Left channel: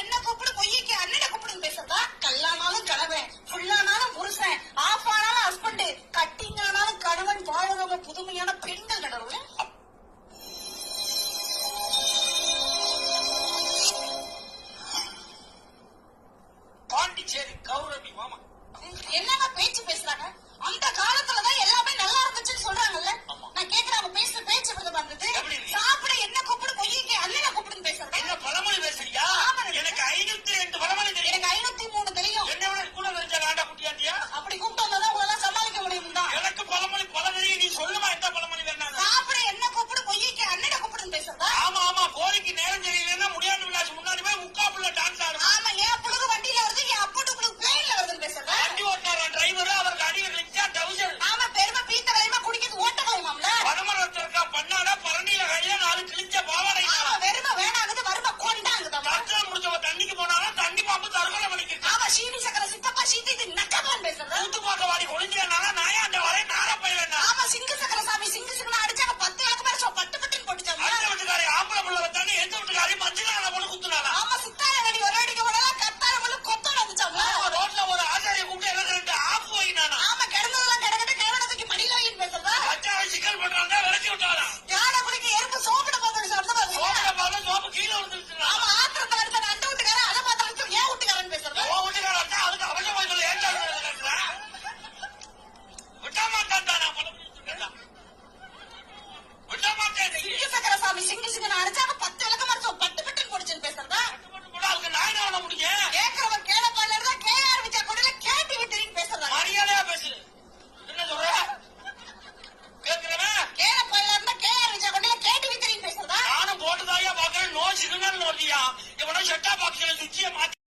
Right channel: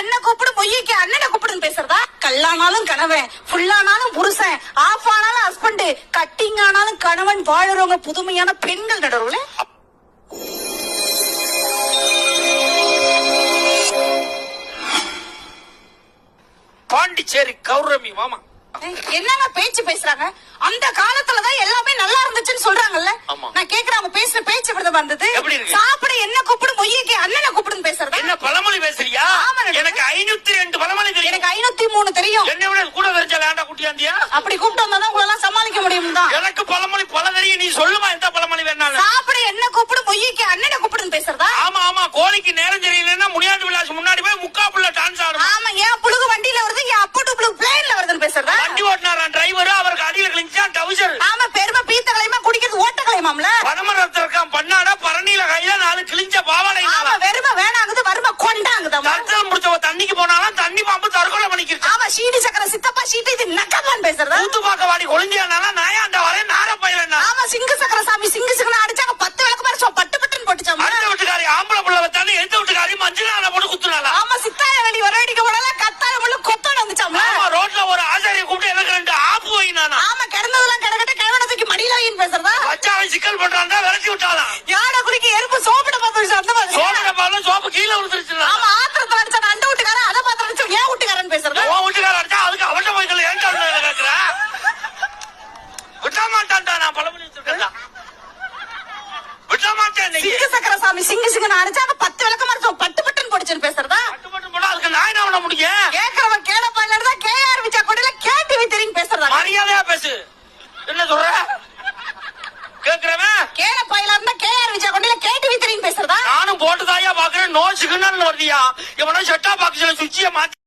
என்ன கூப்பிடு பொய்யக்கு அண்ணனை கூப்பிடுன்னு பேசுறதா? கல்லானாலும் கணவன், ஃபுல்லானாலும் புருஷன், ஆஃப் ஆனாலும் ஹஸ்பண்ட், கட்டிங் ஆனாலும் கணவன் வாழறவங்க புதுமையான பெண்கள் நடுவுல. பாண்டிச்சேரி கௌரமி மாமா என்னங்க பேச்சு பேசுறாங்க? அந்த காலத்துலதான் எல்லாமே நல்லா இருந்துச்சுன்னு சொல்றாங்கல்ல. நான் கேக்குறேன், அவங்க பேசுற பேச்சு விடுதல் வந்தது. சாப்பிட என்ன கூப்பிடு பொய்யக்கு அண்ணனை கூப்பிடுன்னு பேசுறதா? என்ன பழமொழி பேசுறியா? எனக்கு 502 பழமொழி தெரியும். எனக்கு 503 தெரியும். என்ன விட கூட தெரிஞ்ச வேண்டாம் குட்டியாந்தியா. அப்படி கூப்பிட்டு வந்தாதான் உங்களால சமாளிக்க முடியும் தான். எனக்கு பழமொழி பல தெரியும். நீ சொல்லுமா எந்த பழமொழி வேணாலும். சாப்பிட என்ன கூப்பிடு பொய்யக்கு அண்ணனை கூப்பிடுன்னு பேசுறதா? ஆமா ஆமா, கோழிக்கு நேரம் சரியில்லைன்னா முடியாண்டு விளாசு முன்னாடி போய் முக்கா புள்ள டான்ஸ் ஆடும். ஆமா, ஏன் புழுகு வண்டியில வருது, என் அப்பட்டு புழுகு பிளேன்ல வருதுன்னு பேசுறதா? வண்டி ஓட்டினாரா டிரைவர், அவருக்கு அடியில கிழிஞ்சா டவுசர். ஆமா, பெருமை பீத்த கலையமா குடிக்கிறது ஓட்ட கலையமாம்ல. பனமரத்துல இருக்கான் பண்ணாடா பரணியில கையில 4 கிழிஞ்ச பாவாடை. ஆமா, வெறுமை வேணாங்குது, வறுமை கொண்டாங்குது. தரத்துல முடிச்சவ தண்ணிக்கு போனாலும் தண்ணி பாம்பு தற்கொலை பண்ணிக்கிட்டு. ஆமா, சீடி சக்கர சித்தப்பா சீட்டு இது நக்கதான் பேசுறதா? கூத்து பார்க்க வாடி கொழிஞ்சானாலும் நாயாண்ட வரே நார பயிரா. ஆமா, சிங்கு சக்கர சாமி சிங்கு சக்கர அடிச்சாங்க 10 விளக்கு மாதிரி பட்டு பட்டுன்னு போட்டுச்சாமா. அந்த வீட்டுக்காரி ஆம்பளை புள்ள வச்சாலும் எந்த வீட்டுக்காரி மஞ்சள் போட்டு குத்துனால. ஆமா, சித்தாய நடி வர அடிக்க போனால கத்தாய முள்ளு கொத்தோட வந்துச்சாமா. ஆமா, ரோட்ல ஒரு ஆசாரியை கூப்பிட்டு எனக்கு 2 ஆப்பு வைனானா. ஆமா, கிடந்ததெல்லாம் கிடக்கட்ட கிழவனை தூக்கி மடியில வைன்னு பேசுறதா? வச்சாவை சிக்கல் பண்றாங்க, விரட்டி விட்டாலாம். யானை குடிக்க எறும்பு சோப்பிட பார்த்து அந்த மாதிரி. சோப்பிட பார்த்து சோப்பு கீழே விழுந்துருச்சு. ஆமா, ஆத்திரத்துல அடிச்சா அந்த வீட்டுக்காரன் அதை பார்த்து அடிச்சா ஏன் வீட்டுக்காரன் பேசுறதா? உன் வீட்டுக்காரன் அடிச்சா அதுக்கு அவட்ட போய்கள் ஏன்டா கேட்கிற? விட்ட மாட்டான்டா, நான் பழமொழி வச்சிருக்கேன். விட்ட மாட்டேன். சிங்கு சக்கர சாமி சிங்கு சிங்கு அடிச்சாங்க 10 விளக்கு மாதிரி பட்டு பட்டுன்னு போட்டுச்சுன்னு பேசுறதா? பட்டு பட்டு போட்டா அதுக்கு நான் என்ன பண்ண முடியும்? கேக்குறவன் கேளப்பாயில இருந்தா கேஆர் விச்சா கொடையில கேடிவி தெரியும் பேசுறதா? மரியாதையா பேசு. என்ன சொல்ற? கேக்குறவன் கேளப்பாயில இருந்தா கேஆர் விச்சா கொடையில கேடிவி தெரியும் பேசுறதா? நானும் போட்டுதாயா பாக்குறேன். நோ சிக்னல் வருதியா? இவனும் செட்டா பாக்ஸ்ல சுவிட்சிய மாத்தி